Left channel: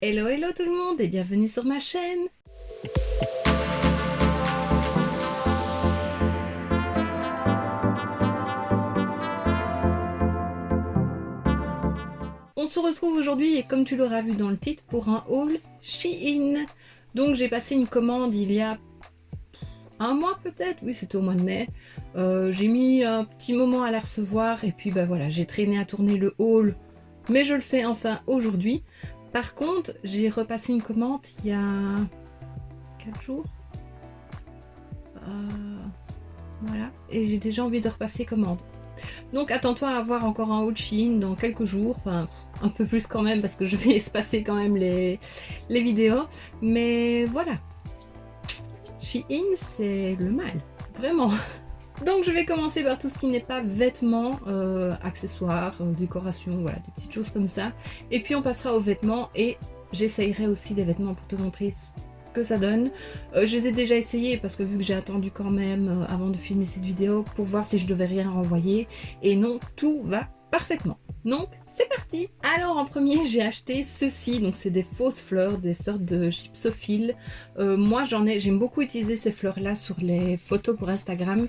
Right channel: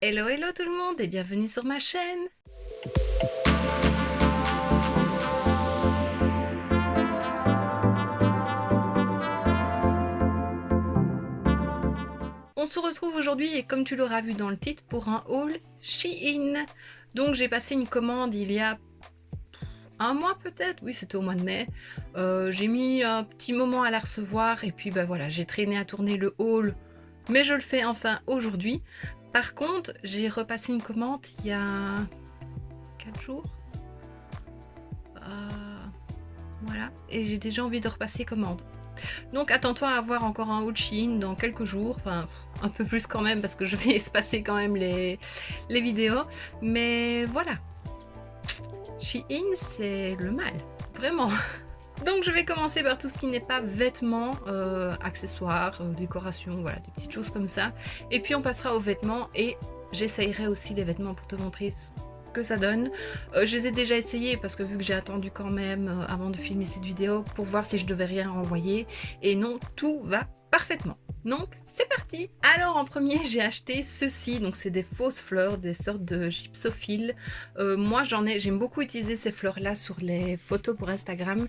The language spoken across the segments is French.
Hello hello tout le monde et bienvenue sur ma chaîne. On se retrouve aujourd'hui et comme tu l'auras vu dans le titre pour un haul Shein. Donc j'ai passé une commande il y a un mois peut-être, oui c'était au mois de mai. J'ai mis un petit moment à la recevoir et puis bah voilà, j'ai traîné à tourner le haul, mais je le fais enfin aujourd'hui. Par contre j'ai repassé une commande il y a 4 jours. Voilà, et j'ai déjà envie de repasser commande. Donc attends-toi à avoir encore un haul Shein dans quelques jours, enfin un peu plus quand même parce que je vais espacer quand même les vidéos. Mais voilà, Shein c'est le mal, vraiment. Donc je vais commencer par tout ce qui n'est pas vêtements, accessoires, décoration, voilà, des petites choses comme ça. Et puis on passera aux vêtements et j'essayerai aussi les vêtements pour te montrer ce que ça donne. Je les ai déjà essayés parce que vu que j'ai attendu quand même avant de filmer cette vidéo pour voir si je devais rien renvoyer. Et non, tout va parfaitement. Donc c'est parti. Alors en premier j'ai acheté ceci, donc c'est des fausses fleurs, des sortes de gypsophiles. Moi j'aime beaucoup utiliser ces fleurs là sur les photos pour Instagram.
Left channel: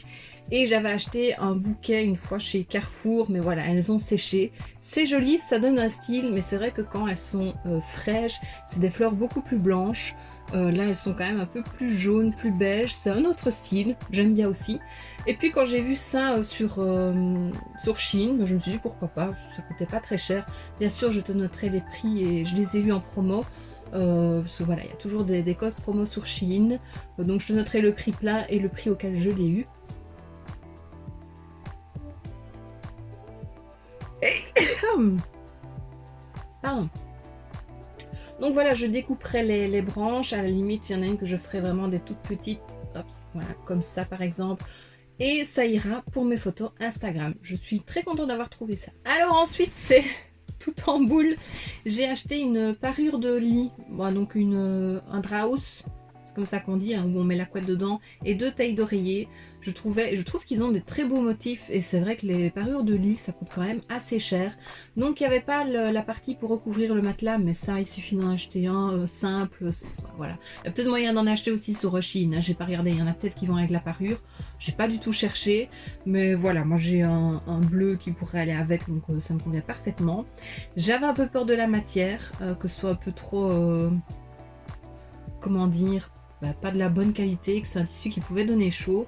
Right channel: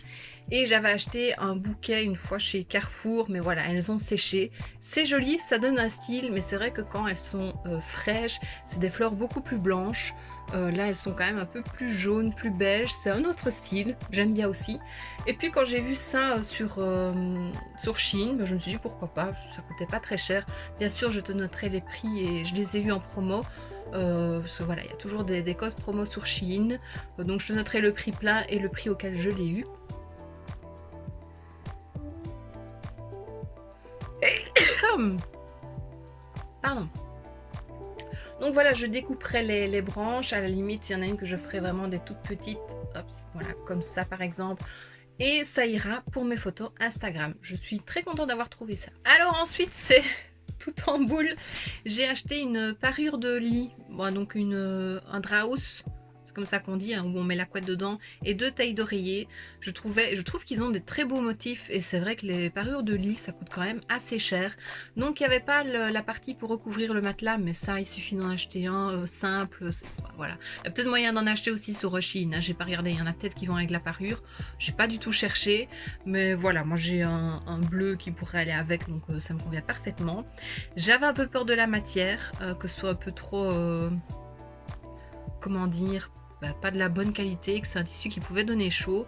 Et j'avais acheté un bouquet une fois chez Carrefour, mais voilà, elles ont séché. C'est joli, ça donne un style, mais c'est vrai que quand elles sont fraîches, c'est des fleurs beaucoup plus blanches. Là, elles sont quand même un peu plus jaunes, plus beige. C'est un autre style, j'aime bien aussi. Et puis quand j'ai vu ça sur Shein, je me suis dit pourquoi pas, ça coûtait pas très cher. Bien sûr, je te noterai les prix et je les ai eu en promo. Parce que voilà, il y a toujours des codes promo sur Shein. Donc je te noterai le prix plein et le prix auquel je l'ai eu. Pardon. Donc voilà, je découperai les branches. À la limite, il y en a une que je ferai vraiment des toutes petites. Hop, voilà, comme ça par exemple. Et ça ira pour mes photos Instagram. Je suis très contente d'avoir trouvé ça. Alors ensuite, c'est tout en boule. J'ai acheté une parure de lit. Bon, donc un draus. C'est comme ça qu'on dit, hein, où on met la couette dedans, et 2 tailles d'oreiller. Je trouve qu'ils ont des très beaux motifs et c'est vrai que les parures de lit ça coûte quand même assez cher. Donc il n'y avait pas la partie pour recouvrir le matelas, mais ça il suffit d'en acheter un simple. Voilà. Il y a peut-être moyen d'en acheter aussi sur Shein, hein, j'ai pas regardé, il y en a peut-être qui vont avec la parure. J'ai pas du tout cherché, mais voilà, moi j'ai un bleu qui pourrait aller avec, donc ça me convient parfaitement. J'avais un peu peur de la matière, que ce soit un peu trop comment dire, pas de la bonne qualité, que c'est un tissu qui pouvait donner chaud.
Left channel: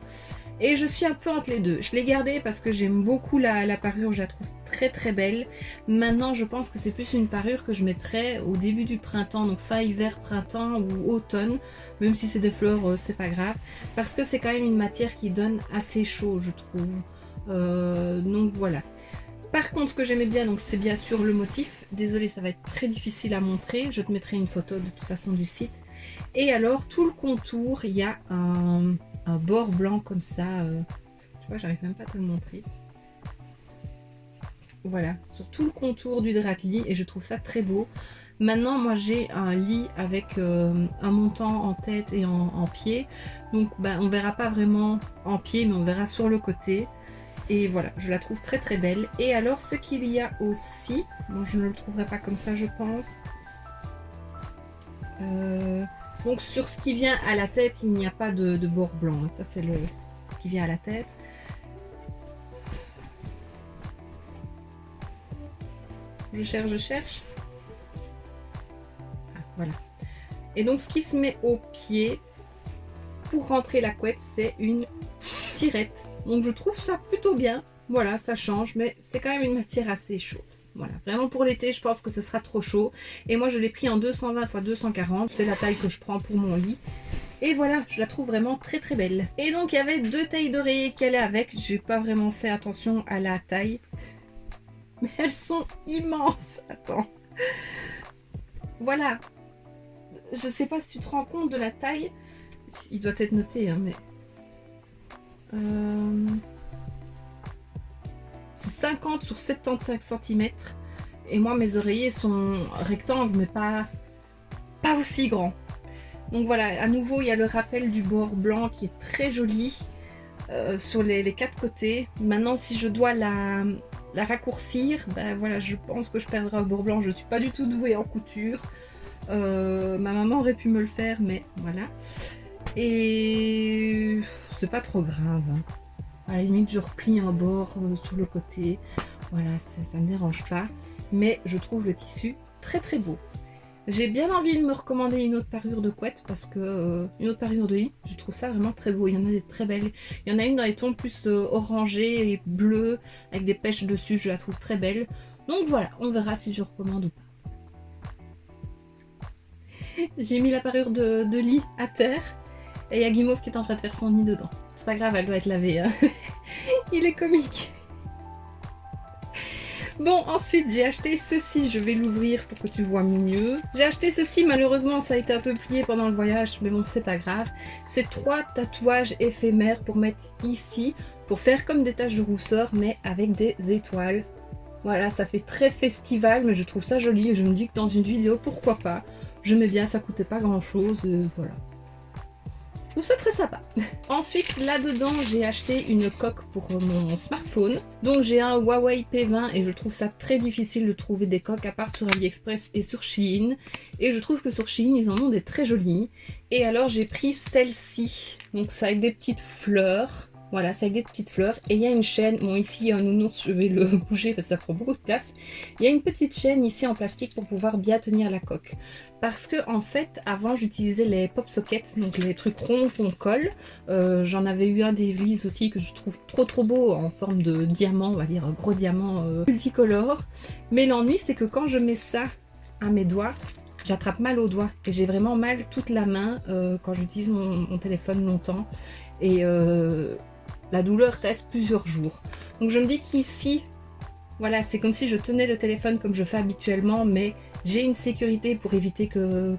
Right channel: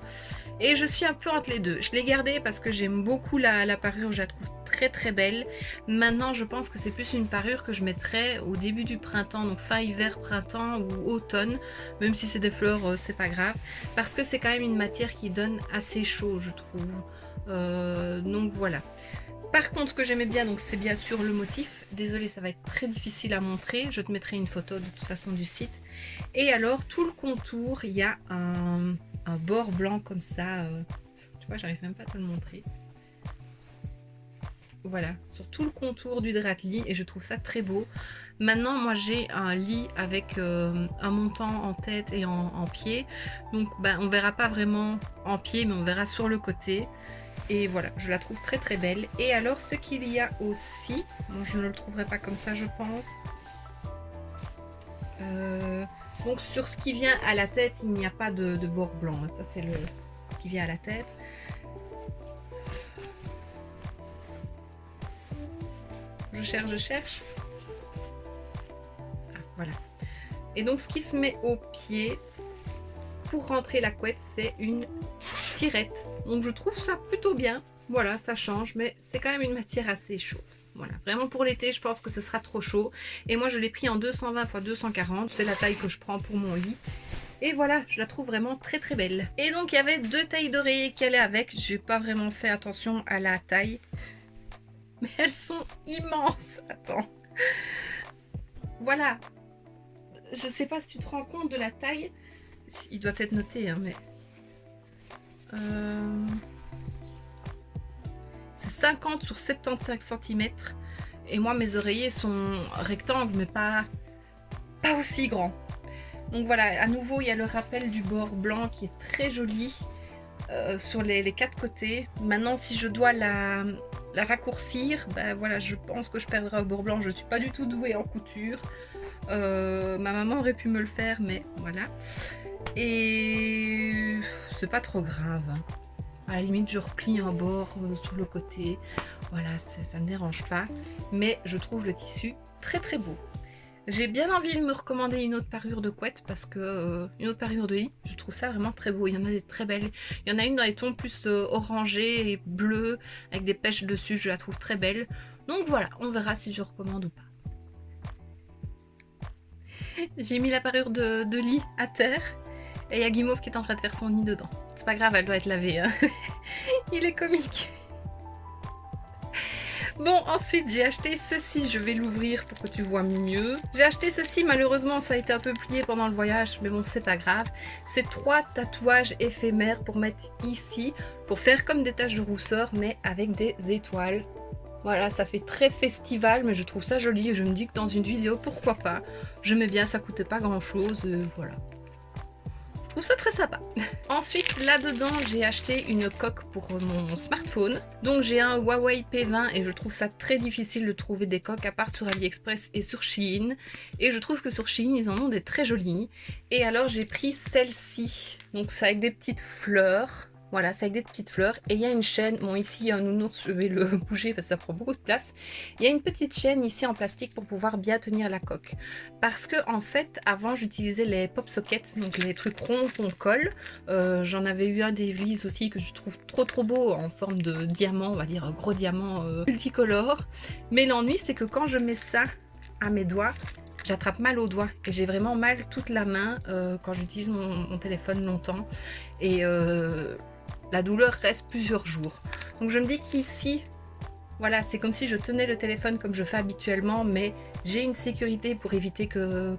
Et je suis un peu entre les deux. Je l'ai gardé parce que j'aime beaucoup la parure, je la trouve très très belle. Maintenant, je pense que c'est plus une parure que je mettrais au début du printemps, donc fin hiver, printemps ou automne. Même si c'est des fleurs, c'est pas grave. Parce que c'est quand même une matière qui donne assez chaud, je trouve. Donc voilà. Par contre, ce que j'aimais bien, donc c'est bien sûr le motif. Désolée, ça va être très difficile à montrer. Je te mettrai une photo de toute façon du site. Et alors, tout le contour, il y a un bord blanc comme ça. Tu vois, j'arrive même pas à te le montrer. Voilà, sur tout le contour du drap de lit. Et je trouve ça très beau. Maintenant, moi, j'ai un lit avec un montant en tête et en pied. Donc, on verra pas vraiment en pied, mais on verra sur le côté. Et voilà, je la trouve très très belle. Et alors ce qu'il y a aussi, bon, je ne le trouverai pas comme ça je pense. Donc sur ce qui vient à la tête, il n'y a pas de bord blanc. Ça c'est ce qui vient à la tête. Je cherche. Ah, voilà. Et donc ce qui se met au pied pour rentrer la couette, c'est une tirette. Donc je trouve ça plutôt bien. Voilà, ça change, mais c'est quand même une matière assez chaude. Voilà, vraiment pour l'été, je pense que ce sera trop chaud. Et moi, je l'ai pris en 220 x 240. C'est la taille que je prends pour mon lit. Et voilà, je la trouve vraiment très très belle. Et donc, il y avait 2 tailles d'oreiller qui allaient avec. J'ai pas vraiment fait attention à la taille. Mais elles sont immenses. Attends. Voilà. Je sais pas si tu te rends compte de la taille. Il doit être noté, hein, mais... c'est 50 sur 75 cm. Et moi, mes oreillers sont rectangles, mais pas aussi grands. Donc voilà, à nouveau, il y a le rappel du bord blanc qui est très joli sur les 4 côtés. Maintenant, si je dois la raccourcir, voilà, je pense que je perdrai un bord blanc. Je ne suis pas du tout douée en couture. Ma maman aurait pu me le faire, mais voilà. Et c'est pas trop grave, hein. À la limite, je replie un bord sur le côté. Voilà, ça ne dérange pas. Mais je trouve le tissu très très beau. J'ai bien envie de me recommander une autre parure de couette parce que une autre parure de lit, je trouve ça vraiment très beau. Il y en a des très belles. Il y en a une dans les tons plus orangés et bleus avec des pêches dessus. Je la trouve très belle. Donc voilà, on verra si je recommande ou pas. J'ai mis la parure de lit à terre et il y a Guimauve qui est en train de faire son nid dedans. C'est pas grave, elle doit être lavée, hein. Il est comique. Bon, ensuite j'ai acheté ceci, je vais l'ouvrir pour que tu vois mieux. J'ai acheté ceci, malheureusement ça a été un peu plié pendant le voyage, mais bon c'est pas grave. C'est 3 tatouages éphémères pour mettre ici, pour faire comme des taches de rousseur, mais avec des étoiles. Voilà, ça fait très festival, mais je trouve ça joli et je me dis que dans une vidéo, pourquoi pas. Je mets bien, ça coûtait pas grand chose, voilà. Je trouve ça très sympa. Ensuite, là-dedans, j'ai acheté une coque pour mon smartphone. Donc, j'ai un Huawei P20 et je trouve ça très difficile de trouver des coques à part sur AliExpress et sur Shein. Et je trouve que sur Shein, ils en ont des très jolies. Et alors, j'ai pris celle-ci. Donc, c'est avec des petites fleurs. Voilà, c'est avec des petites fleurs. Et il y a une chaîne. Bon, ici, il y a un nounours, je vais le bouger parce que ça prend beaucoup de place. Il y a une petite chaîne ici en plastique pour pouvoir bien tenir la coque. Parce que, en fait, avant, j'utilisais les pop sockets, donc les trucs ronds qu'on colle. J'en avais eu un d'Evely's aussi que je trouve trop beau en forme de diamant, on va dire gros diamant multicolore. Mais l'ennui, c'est que quand je mets ça à mes doigts, j'attrape mal aux doigts et j'ai vraiment mal toute la main quand j'utilise mon téléphone longtemps. Et la douleur reste plusieurs jours. Donc je me dis qu'ici, voilà, c'est comme si je tenais le téléphone comme je fais habituellement, mais j'ai une sécurité pour éviter que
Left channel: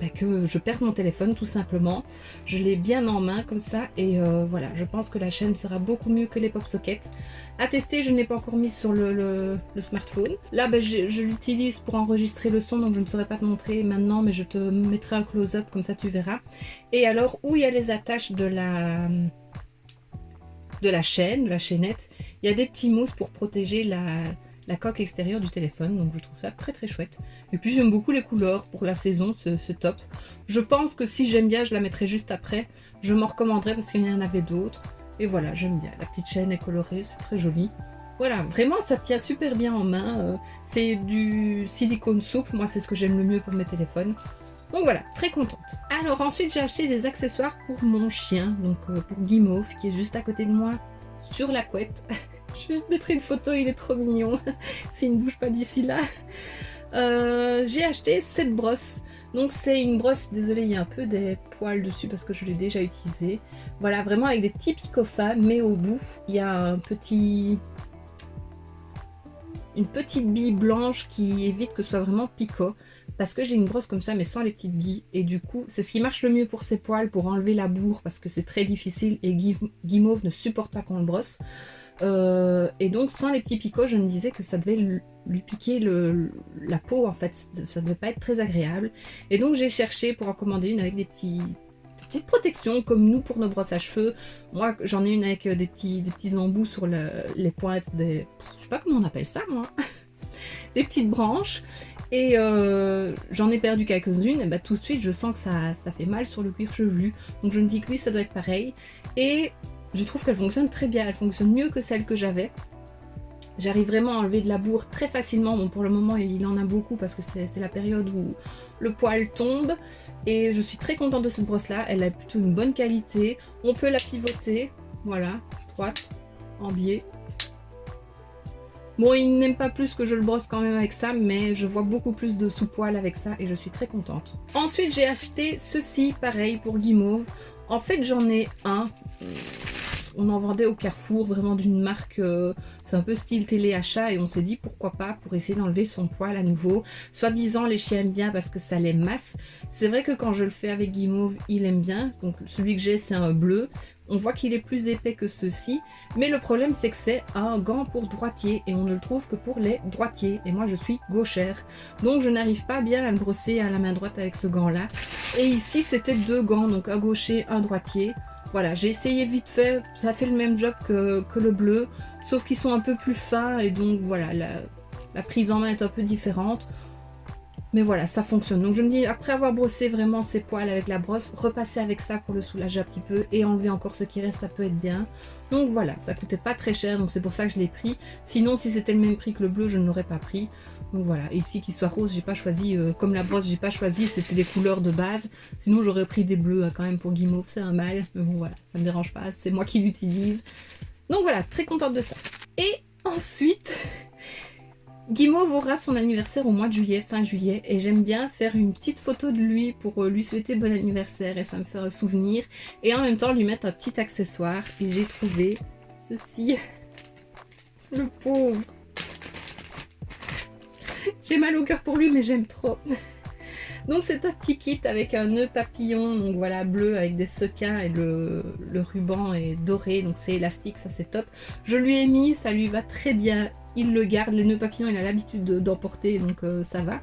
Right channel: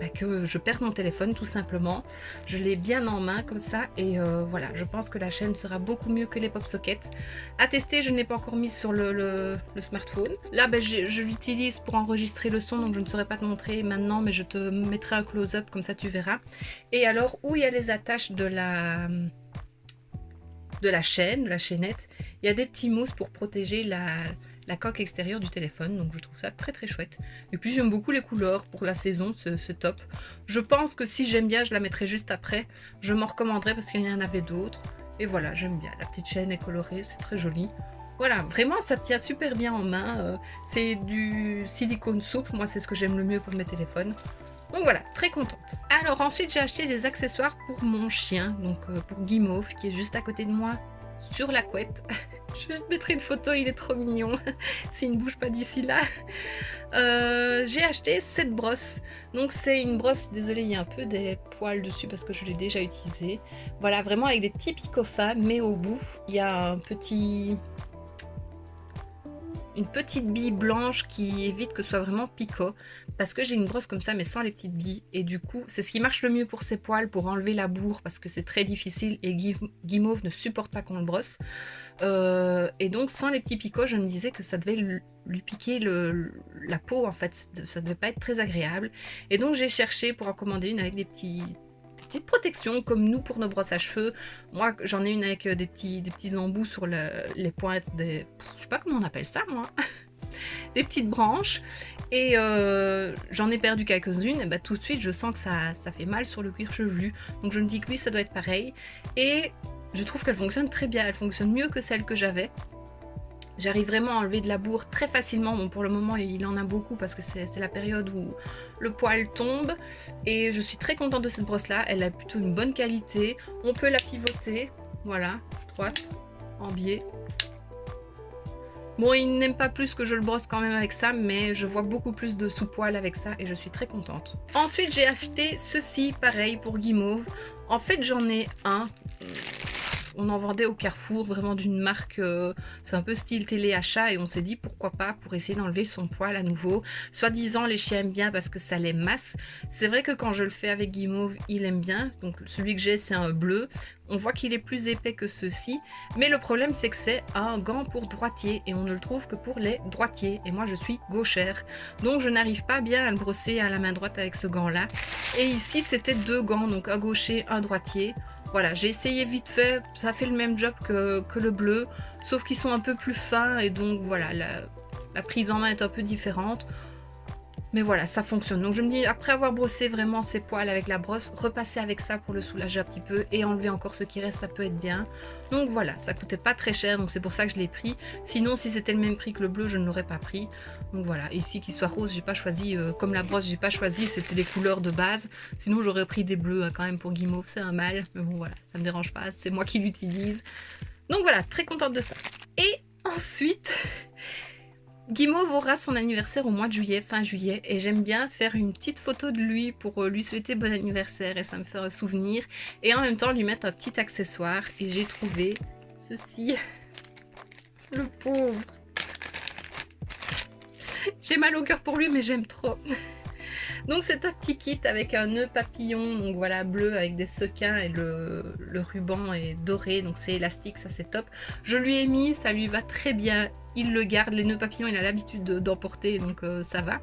je perde mon téléphone tout simplement. Je l'ai bien en main comme ça et voilà, je pense que la chaîne sera beaucoup mieux que les pop sockets. À tester, je n'ai pas encore mis sur le smartphone. Là, je l'utilise pour enregistrer le son, donc je ne saurais pas te montrer maintenant, mais je te mettrai un close-up comme ça tu verras. Et alors, où il y a les attaches de la chaîne, de la chaînette, il y a des petits mousses pour protéger la coque extérieure du téléphone, donc je trouve ça très chouette. Et puis j'aime beaucoup les couleurs pour la saison, c'est top. Je pense que si j'aime bien, je la mettrai juste après. Je m'en recommanderai parce qu'il y en avait d'autres. Et voilà, j'aime bien. La petite chaîne est colorée, c'est très joli. Voilà, vraiment ça tient super bien en main. C'est du silicone souple, moi c'est ce que j'aime le mieux pour mes téléphones. Donc voilà, très contente. Alors ensuite j'ai acheté des accessoires pour mon chien, donc pour Guimauve qui est juste à côté de moi sur la couette. Je te mettrai une photo, il est trop mignon s'il ne bouge pas d'ici là. J'ai acheté cette brosse. Donc c'est une brosse, désolée il y a un peu des poils dessus parce que je l'ai déjà utilisée. Voilà, vraiment avec des petits picots fins, mais au bout il y a une petite bille blanche qui évite que ce soit vraiment picot, parce que j'ai une brosse comme ça mais sans les petites billes, et du coup c'est ce qui marche le mieux pour ses poils, pour enlever la bourre, parce que c'est très difficile et Guimauve ne supporte pas qu'on le brosse. Et donc sans les petits picots, je me disais que ça devait lui piquer la peau en fait, ça devait pas être très agréable, et donc j'ai cherché pour en commander une avec des petites protections comme nous pour nos brosses à cheveux. Moi j'en ai une avec des petits embouts sur les pointes des... je sais pas comment on appelle ça moi. Des petites branches, et j'en ai perdu quelques-unes, et tout de suite je sens que ça fait mal sur le cuir chevelu, donc je me dis que oui ça doit être pareil, et je trouve qu'elle fonctionne très bien, elle fonctionne mieux que celle que j'avais. J'arrive vraiment à enlever de la bourre très facilement. Bon, pour le moment, il en a beaucoup parce que c'est la période où le poil tombe. Et je suis très contente de cette brosse-là. Elle a plutôt une bonne qualité. On peut la pivoter. Voilà, droite, en biais. Bon, il n'aime pas plus que je le brosse quand même avec ça, mais je vois beaucoup plus de sous-poil avec ça et je suis très contente. Ensuite, j'ai acheté ceci, pareil, pour Guimauve. En fait, j'en ai un... On en vendait au Carrefour, vraiment d'une marque, c'est un peu style téléachat, et on s'est dit pourquoi pas pour essayer d'enlever son poil à nouveau. Soi-disant les chiens aiment bien parce que ça les masse. C'est vrai que quand je le fais avec Guimauve, il aime bien. Donc celui que j'ai c'est un bleu. On voit qu'il est plus épais que ceux-ci, mais le problème c'est que c'est un gant pour droitier et on ne le trouve que pour les droitiers, et moi je suis gauchère, donc je n'arrive pas bien à le brosser à la main droite avec ce gant là. Et ici c'était 2 gants, donc un gaucher, un droitier. Voilà, j'ai essayé vite fait, ça fait le même job que le bleu, sauf qu'ils sont un peu plus fins, et donc voilà, la prise en main est un peu différente. Mais voilà, ça fonctionne. Donc je me dis, après avoir brossé vraiment ses poils avec la brosse, repasser avec ça pour le soulager un petit peu et enlever encore ce qui reste, ça peut être bien. Donc voilà, ça coûtait pas très cher, donc c'est pour ça que je l'ai pris. Sinon, si c'était le même prix que le bleu, je ne l'aurais pas pris. Donc voilà, et ici qu'il soit rose, j'ai pas choisi, comme la brosse, j'ai pas choisi, c'était des couleurs de base. Sinon, j'aurais pris des bleus quand même pour guimauve, c'est un mal. Mais bon voilà, ça me dérange pas, c'est moi qui l'utilise. Donc voilà, très contente de ça. Et ensuite... Guimauve aura son anniversaire au mois de juillet, fin juillet, et j'aime bien faire une petite photo de lui pour lui souhaiter bon anniversaire et ça me fait un souvenir, et en même temps lui mettre un petit accessoire, et j'ai trouvé ceci. Le pauvre. J'ai mal au cœur pour lui mais j'aime trop. Donc c'est un petit kit avec un nœud papillon, donc voilà, bleu avec des sequins et le ruban est doré, donc c'est élastique, ça c'est top. Je lui ai mis, ça lui va très bien, il le garde, les nœuds papillons il a l'habitude d'en porter, donc ça va.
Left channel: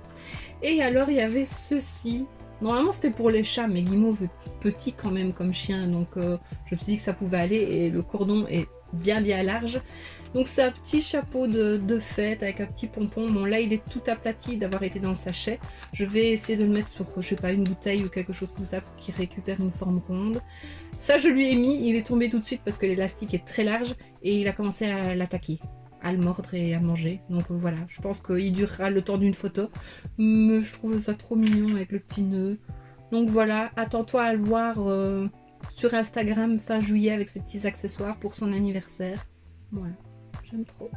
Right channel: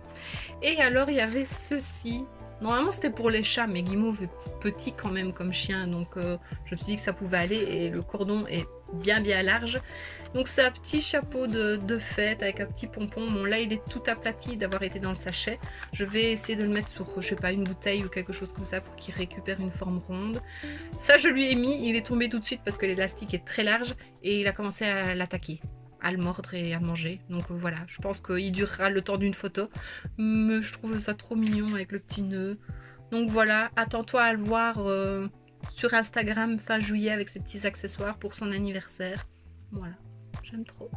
Et alors il y avait ceci, normalement c'était pour les chats, mais Guimauve est petit quand même comme chien, donc je me suis dit que ça pouvait aller, et le cordon est bien large. Donc c'est un petit chapeau de fête avec un petit pompon. Bon là il est tout aplati d'avoir été dans le sachet. Je vais essayer de le mettre sur, je sais pas, une bouteille ou quelque chose comme ça pour qu'il récupère une forme ronde. Ça je lui ai mis, il est tombé tout de suite parce que l'élastique est très large et il a commencé à l'attaquer, à le mordre et à le manger. Donc voilà, je pense qu'il durera le temps d'une photo. Mais je trouve ça trop mignon avec le petit nœud. Donc voilà, attends-toi à le voir sur Instagram fin juillet avec ses petits accessoires pour son anniversaire. Voilà. J'aime trop.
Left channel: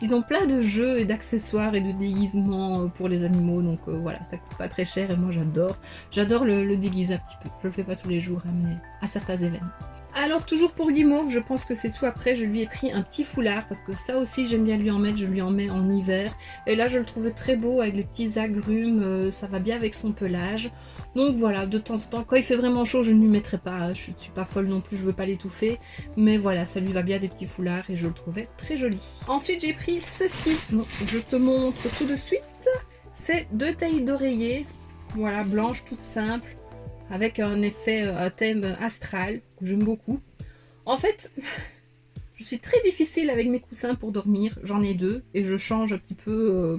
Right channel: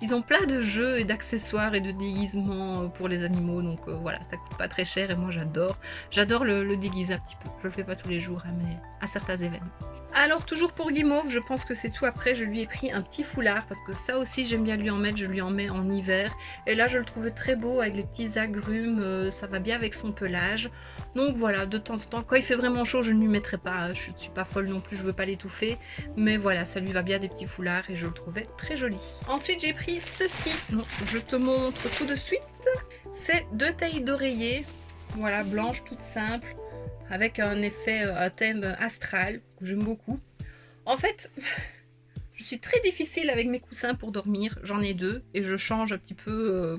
Ils ont plein de jeux et d'accessoires et de déguisements pour les animaux, donc voilà, ça coûte pas très cher et moi j'adore. J'adore le déguiser un petit peu. Je le fais pas tous les jours, hein, mais à certains événements. Alors toujours pour Guimauve, je pense que c'est tout. Après je lui ai pris un petit foulard parce que ça aussi j'aime bien lui en mettre, je lui en mets en hiver. Et là je le trouvais très beau avec les petits agrumes, ça va bien avec son pelage. Donc voilà, de temps en temps, quand il fait vraiment chaud, je ne lui mettrai pas, hein, je ne suis pas folle non plus, je veux pas l'étouffer. Mais voilà, ça lui va bien des petits foulards et je le trouvais très joli. Ensuite j'ai pris ceci, donc, je te montre tout de suite. C'est 2 tailles d'oreiller, voilà, blanches, toutes simples, avec un effet, un thème astral, que j'aime beaucoup. En fait, je suis très difficile avec mes coussins pour dormir, j'en ai 2 et je change un petit peu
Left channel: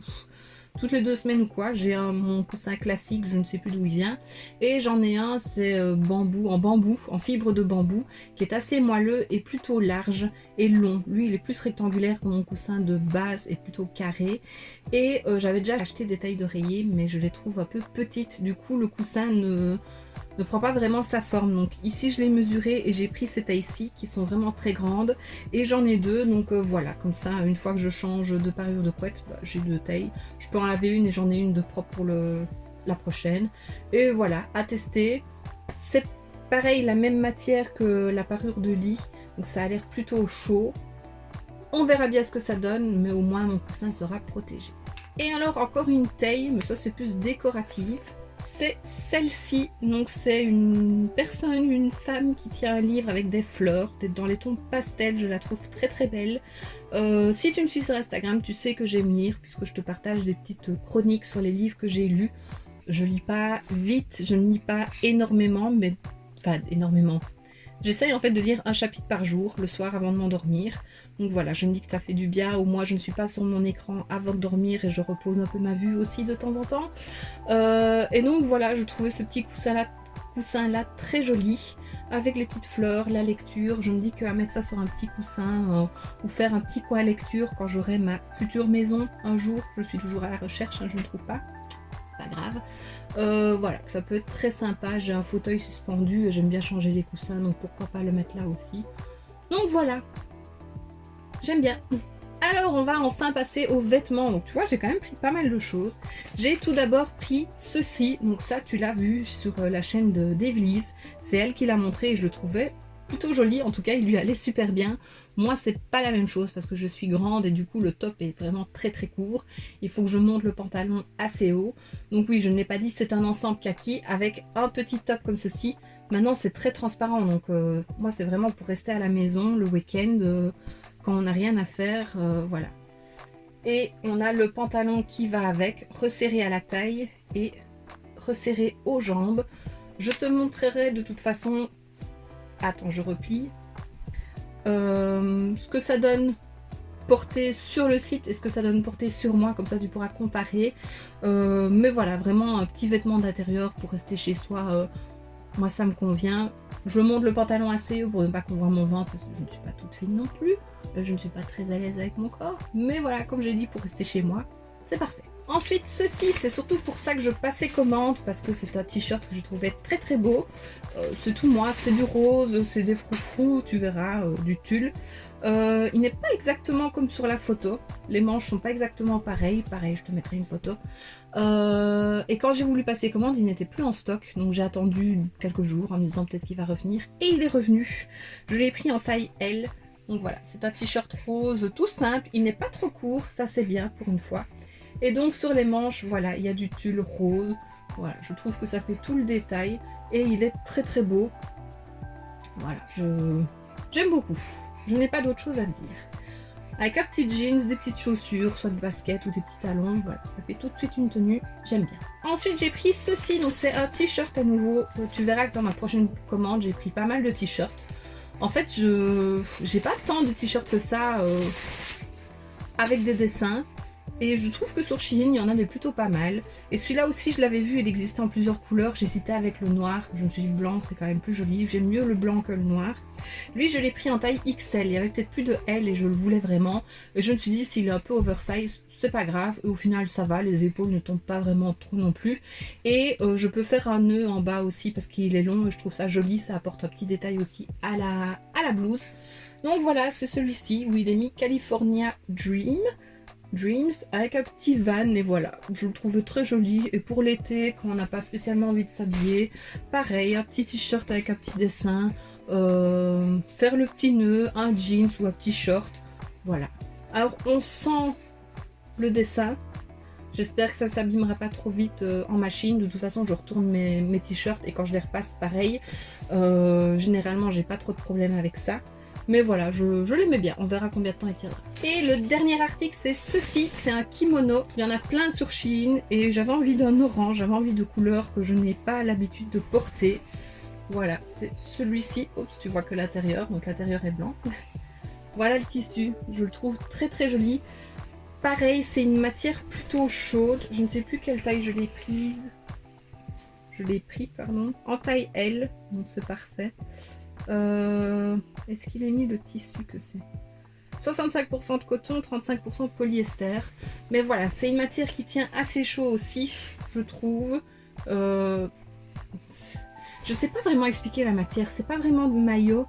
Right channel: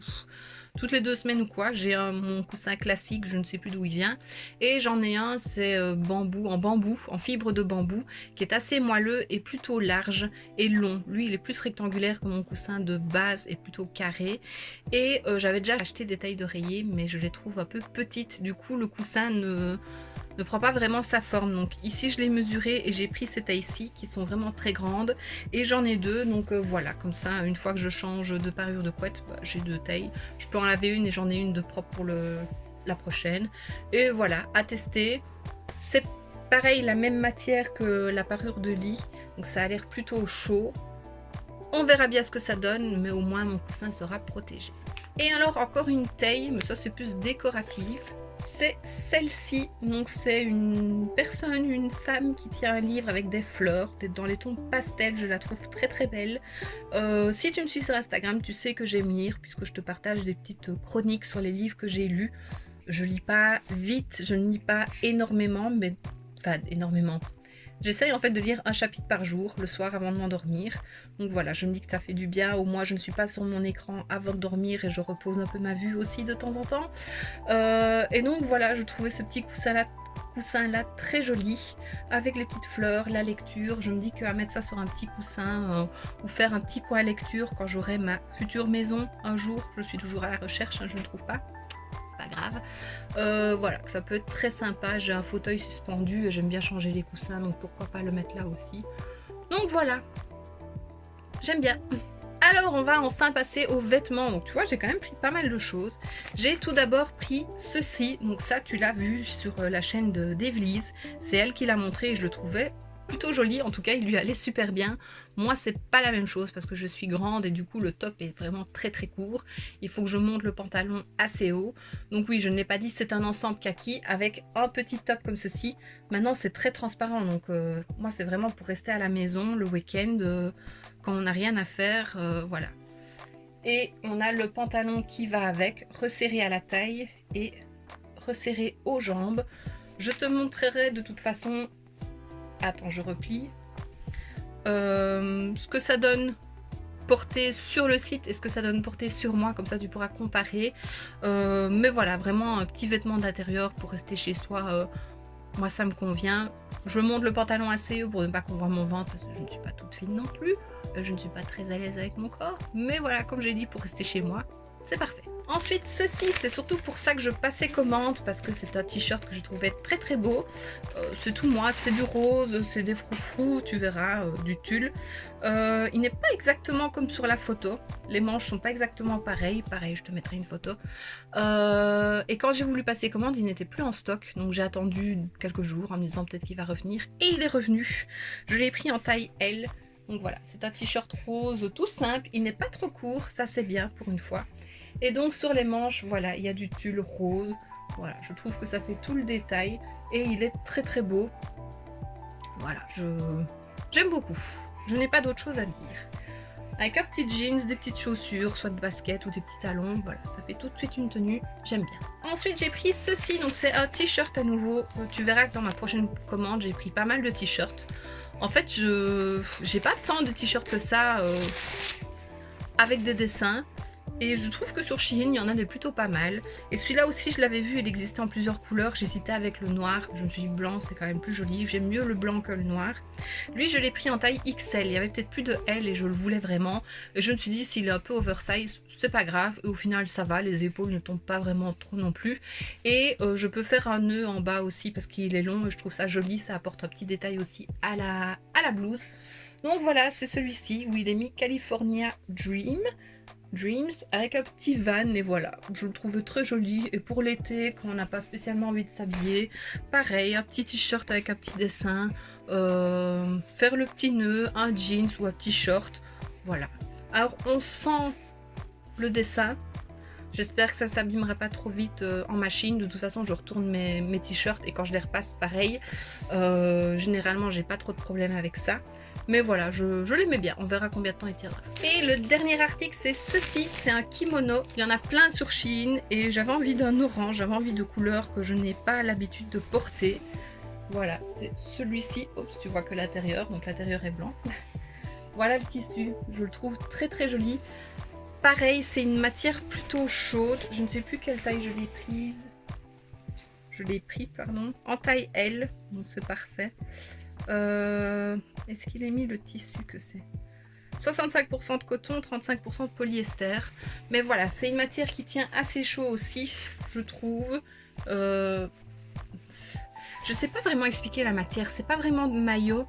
toutes les 2 semaines ou quoi. J'ai mon coussin classique, je ne sais plus d'où il vient, et j'en ai un, c'est bambou, en fibre de bambou, qui est assez moelleux et plutôt large et long. Lui il est plus rectangulaire que mon coussin de base et plutôt carré, et j'avais déjà acheté des tailles d'oreiller mais je les trouve un peu petites, du coup le coussin ne prend pas vraiment sa forme. Donc ici je l'ai mesuré et j'ai pris ces tailles-ci qui sont vraiment très grandes, et j'en ai 2, donc voilà, comme ça une fois que je change de parure de couette, bah, j'ai 2 tailles. Je peux en laver une et j'en ai une de propre pour la prochaine. Et voilà, à tester. C'est pareil, la même matière que la parure de lit, donc ça a l'air plutôt chaud. On verra bien ce que ça donne, mais au moins mon coussin sera protégé. Et alors encore une taille, mais ça c'est plus décoratif. C'est celle-ci, donc c'est une personne, une femme qui tient un livre avec des fleurs, dans les tons pastel, je la trouve très très belle. Si tu me suis sur Instagram, tu sais que j'aime lire, puisque je te partage des petites chroniques sur les livres que j'ai lus. Je lis pas vite, je ne lis pas énormément, mais enfin énormément. J'essaye en fait de lire un chapitre par jour, le soir avant de m'endormir. Donc voilà, je me dis que ça fait du bien, au moins je ne suis pas sur mon écran avant de dormir et je repose un peu ma vue aussi de temps en temps. Et donc voilà, je trouvais ce petit coussin-là très joli, avec les petites fleurs, la lecture. Je me dis qu'à mettre ça sur un petit coussin ou faire un petit coin à lecture quand j'aurai ma future maison un jour, je suis toujours à la recherche, hein, je ne trouve pas. Grave, voilà, ça peut être très sympa. J'ai un fauteuil suspendu et j'aime bien changer les coussins, donc pourquoi pas le mettre là aussi. Donc voilà, j'aime bien. Alors on va enfin passer aux vêtements. Donc tu vois, j'ai quand même pris pas mal de choses. J'ai tout d'abord pris ceci, donc ça tu l'as vu sur la chaîne d'Evelise, c'est elle qui l'a montré et je le trouvais plutôt joli, en tout cas il lui allait super bien. Moi c'est pas la même chose parce que je suis grande et du coup le top est vraiment très très court, il faut que je monte le pantalon assez haut. Donc oui, je ne l'ai pas dit, c'est un ensemble kaki avec un petit top comme ceci. Maintenant c'est très transparent, donc moi c'est vraiment pour rester à la maison le week-end quand on n'a rien à faire, voilà. Et on a le pantalon qui va avec, resserré à la taille et resserré aux jambes. Je te montrerai de toute façon. Attends, je replie. Ce que ça donne porter sur le site et ce que ça donne porter sur moi, comme ça tu pourras comparer. Mais voilà, vraiment un petit vêtement d'intérieur pour rester chez soi, moi ça me convient. Je monte le pantalon assez haut pour ne pas qu'on voit mon ventre parce que je ne suis pas toute fine non plus. Je ne suis pas très à l'aise avec mon corps, mais voilà, comme j'ai dit, pour rester chez moi, c'est parfait. Ensuite, ceci, c'est surtout pour ça que je passais commande, parce que c'est un t-shirt que je trouvais très très beau. C'est tout moi, c'est du rose, c'est des froufrous, tu verras, du tulle. Il n'est pas exactement comme sur la photo, les manches sont pas exactement pareilles, pareil, je te mettrai une photo. Et quand j'ai voulu passer commande, il n'était plus en stock, donc j'ai attendu quelques jours en me disant peut-être qu'il va revenir, et il est revenu. Je l'ai pris en taille L, donc voilà, c'est un t-shirt rose tout simple, il n'est pas trop court, ça c'est bien pour une fois. Et donc sur les manches, voilà, il y a du tulle rose. Voilà, je trouve que ça fait tout le détail. Et il est très très beau. Voilà, j'aime beaucoup. Je n'ai pas d'autre chose à dire. Avec un petit jeans, des petites chaussures, soit de basket ou des petits talons. Voilà, ça fait tout de suite une tenue. J'aime bien. Ensuite, j'ai pris ceci. Donc c'est un t-shirt à nouveau. Tu verras que dans ma prochaine commande, j'ai pris pas mal de t-shirts. En fait, j'ai pas tant de t-shirts que ça avec des dessins. Et je trouve que sur Shein, il y en a des plutôt pas mal. Et celui-là aussi, je l'avais vu, il existait en plusieurs couleurs. J'hésitais avec le noir. Je me suis dit blanc, c'est quand même plus joli. J'aime mieux le blanc que le noir. Lui, je l'ai pris en taille XL. Il y avait peut-être plus de L et je le voulais vraiment. Et je me suis dit, s'il est un peu oversize, c'est pas grave. Et au final, ça va. Les épaules ne tombent pas vraiment trop non plus. Et je peux faire un nœud en bas aussi parce qu'il est long. Et je trouve ça joli. Ça apporte un petit détail aussi à la blouse. Donc voilà, c'est celui-ci où il est mis California Dreams avec un petit van et voilà, je le trouve très joli. Et pour l'été, quand on n'a pas spécialement envie de s'habiller, pareil, un petit t-shirt avec un petit dessin, faire le petit nœud, un jeans ou un petit short, voilà. Alors on sent le dessin, j'espère que ça s'abîmera pas trop vite en machine. De toute façon, je retourne mes t-shirts et quand je les repasse, pareil. Généralement, j'ai pas trop de problèmes avec ça. Mais voilà, je l'aimais bien, on verra combien de temps il tiendra. Et le dernier article, c'est ceci, c'est un kimono. Il y en a plein sur Shein et j'avais envie d'un orange, j'avais envie de couleurs que je n'ai pas l'habitude de porter. Voilà, c'est celui-ci. Oups, tu vois que l'intérieur, donc l'intérieur est blanc. Voilà le tissu, je le trouve très très joli. Pareil, c'est une matière plutôt chaude, je ne sais plus quelle taille je l'ai prise. Je l'ai pris, pardon, en taille L, donc c'est parfait. Est-ce qu'il est mis le tissu que c'est 65% de coton, 35% de polyester. Mais voilà, c'est une matière qui tient assez chaud aussi, je trouve. Je sais pas vraiment expliquer la matière, c'est pas vraiment de maillot.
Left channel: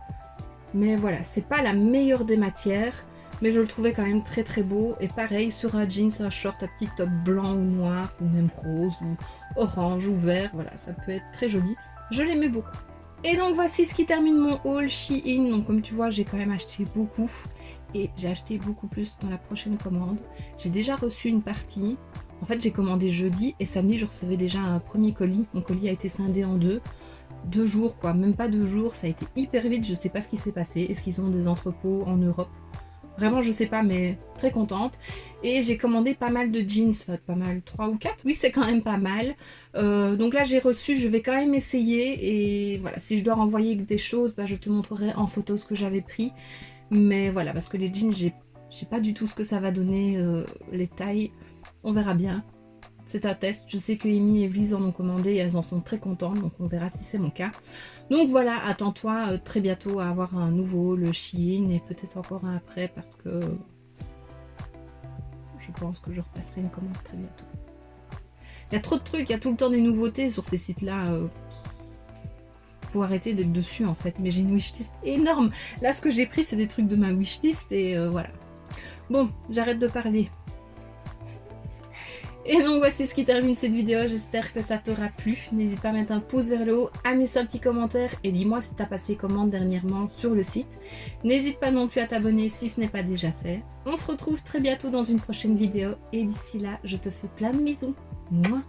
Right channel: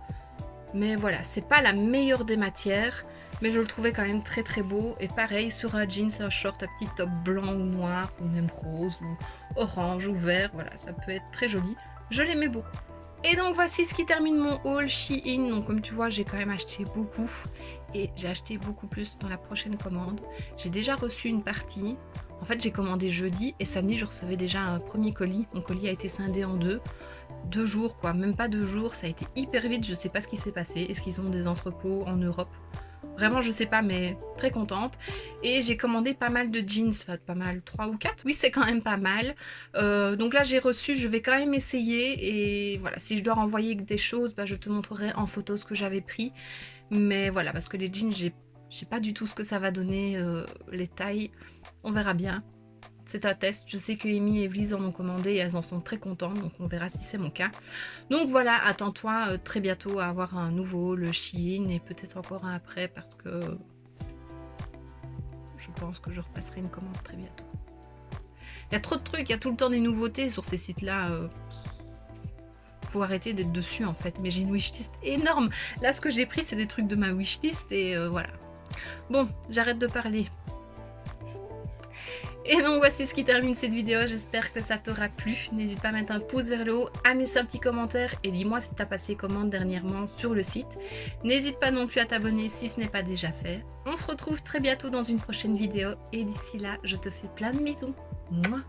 Mais voilà, c'est pas la meilleure des matières. Mais je le trouvais quand même très très beau. Et pareil, sur un jeans, un short, un petit top blanc ou noir, ou même rose, ou orange, ou vert. Voilà, ça peut être très joli. Je l'aimais beaucoup. Et donc voici ce qui termine mon haul Shein. Donc comme tu vois, j'ai quand même acheté beaucoup. Et j'ai acheté beaucoup plus dans la prochaine commande. J'ai déjà reçu une partie. En fait, j'ai commandé jeudi et samedi, je recevais déjà un premier colis. Mon colis a été scindé en deux. 2 jours, quoi. Même pas 2 jours. Ça a été hyper vite. Je sais pas ce qui s'est passé. Est-ce qu'ils ont des entrepôts en Europe? Vraiment, je sais pas, mais très contente. Et j'ai commandé pas mal de jeans, enfin pas mal, 3 ou 4. Oui, c'est quand même pas mal. Donc là, j'ai reçu, je vais quand même essayer. Et voilà, si je dois renvoyer des choses, bah, je te montrerai en photo ce que j'avais pris. Mais voilà, parce que les jeans, je sais pas du tout ce que ça va donner, les tailles. On verra bien. C'est un test. Je sais que Amy et Evelyse en ont commandé et elles en sont très contentes. Donc on verra si c'est mon cas. Donc voilà, attends-toi très bientôt à avoir un nouveau, le Shein, et peut-être encore un après parce que je pense que je repasserai une commande très bientôt. Il y a trop de trucs, il y a tout le temps des nouveautés sur ces sites-là. Faut arrêter d'être dessus en fait. Mais j'ai une wishlist énorme. Là, ce que j'ai pris, c'est des trucs de ma wishlist et voilà. Bon, j'arrête de parler. Et donc voici ce qui termine cette vidéo, j'espère que ça t'aura plu. N'hésite pas à mettre un pouce vers le haut, à laisser un petit commentaire et dis-moi si t'as passé commande dernièrement sur le site. N'hésite pas non plus à t'abonner si ce n'est pas déjà fait. On se retrouve très bientôt dans une prochaine vidéo et d'ici là, je te fais plein de bisous. Mouah.